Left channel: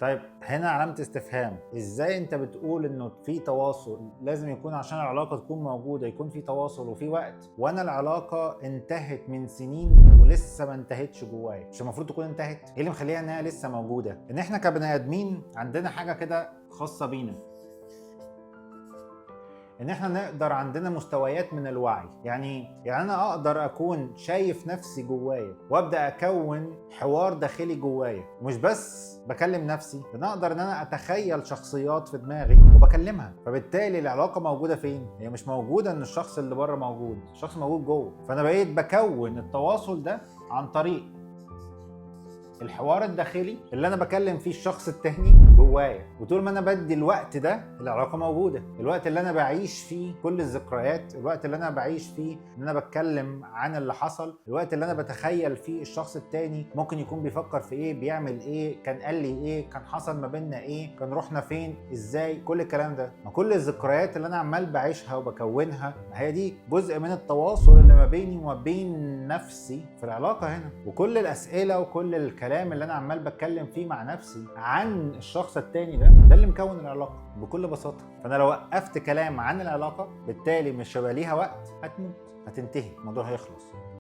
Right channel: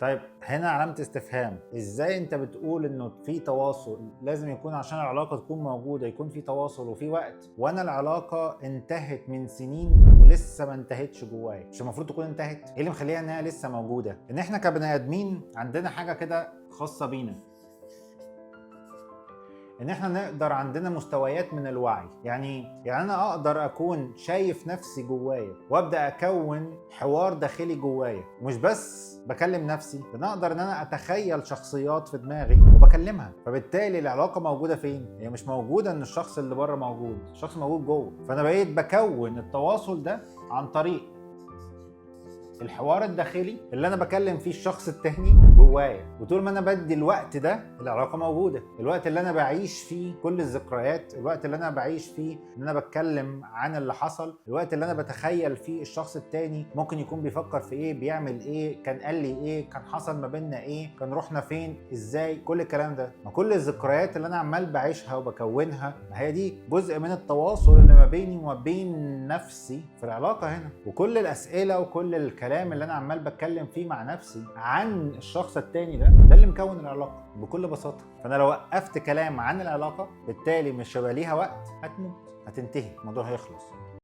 طيب هنا علامة استفهام، ازاي انت بتقول انه في تواصل؟ لازم يكون عشان العلاقة تكون موجودة يكون في تواصل وفي وقت، وانا العلاقة انتهت من سنين ولسه ما انتهتش جوايا. مش المفروض تكون انتهت؟ ايه اللي مخليها انها لسه موجودة؟ ان احنا كبني ادمين عندنا حاجة كده خاصة بينا، ان احنا نقدر عندنا مستويات من الوعي. يعني انا اقدر اكون شايف نفسي جوايا وابدا اكون حوار داخلي جوايا، ومش بس بكلم نفسي، انا اقدر ان انا اتخيل شخصيات في دماغي وبكلمها. فبالتالي العلاقه موجوده فين؟ هي مش موجوده ان الشخص اللي بره موجود، الشخص موجود جوه. فانا بقيت بكون التواصل ده عن طريق الحوار الداخلي اللي انا بكلم فيه الشخص التاني جوايا. وطول ما انا بدي الوقت ده العلاقه موجوده، الوقت اللي انا بعيش فيه كل الذكريات، الوقت اللي انا بعيش فيه ان انا بتكلم عن اللي حصل، الوقت اللي انا بتخيل فيه الشخص التاني ممكن يكون بيفكر في ايه، بيعمل ايه، كان قال لي ايه، كان حصل ما بيننا ايه، كان رحنا فين، ازاي، كل الكلام ده. ما كل الذكريات اللي انا عمال بعيشها وبكونها، ما هي دي جزء من التواصل اللي ما بيني وما بين نفسي في العلاقه هنا. وكل الاسئله وكل الكلام اللي انا عمال بتكلم فيه مع نفسي عن الشخص التاني ده اللي مكون العلاقه بكل بساطه. فانا لو وقفت كلام عن العلاقه بالتالي مش هيبقى ليها وقت، هتموت، هتنتهي، الموضوع هيخلص.